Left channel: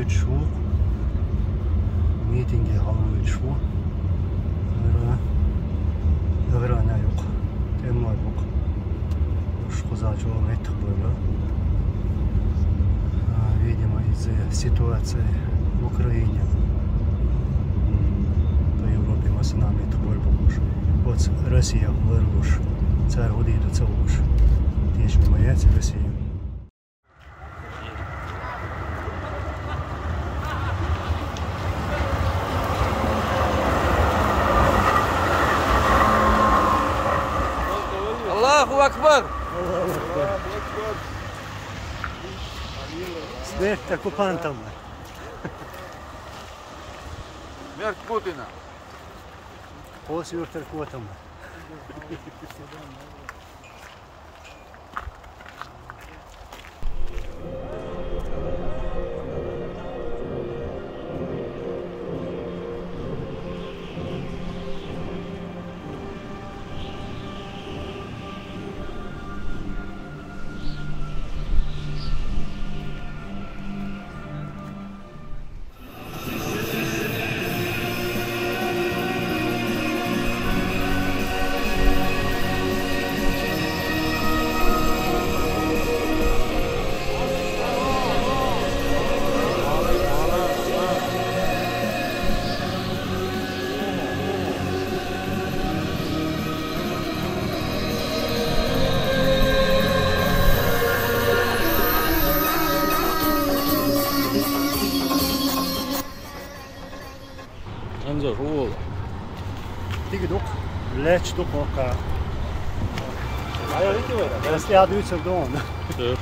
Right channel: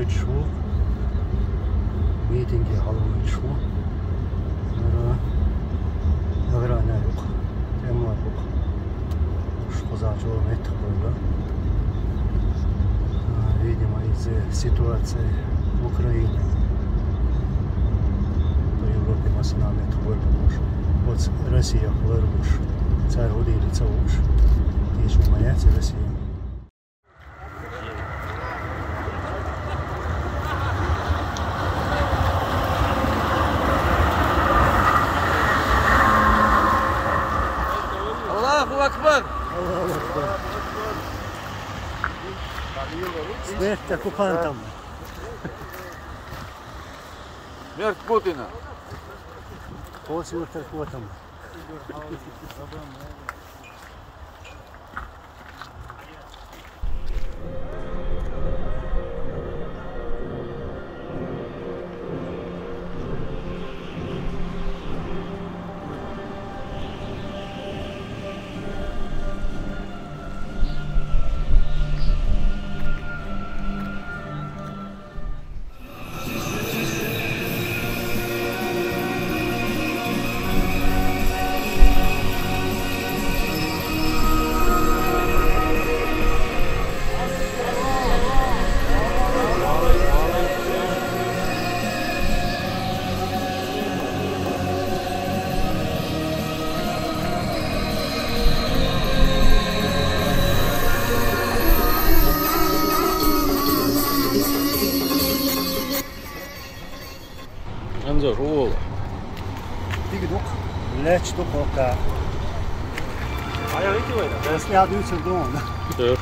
haluitšu, miitingi haluitšu. Ja verran yok. Emma yok. Шкозачо метх было. Видимо, из-за ситуации в Украине по Европе масонами трубой помож. Вот Россия вырвуш, царь удиду целуш. Тишь моя Россия. Allahu Akbar! Allahu Akbar. Смерть оккупантам. Смерть Путина! После вертолетом. Anzo ruola. Digdok, lätschdok och det ska jag ut då. Ja.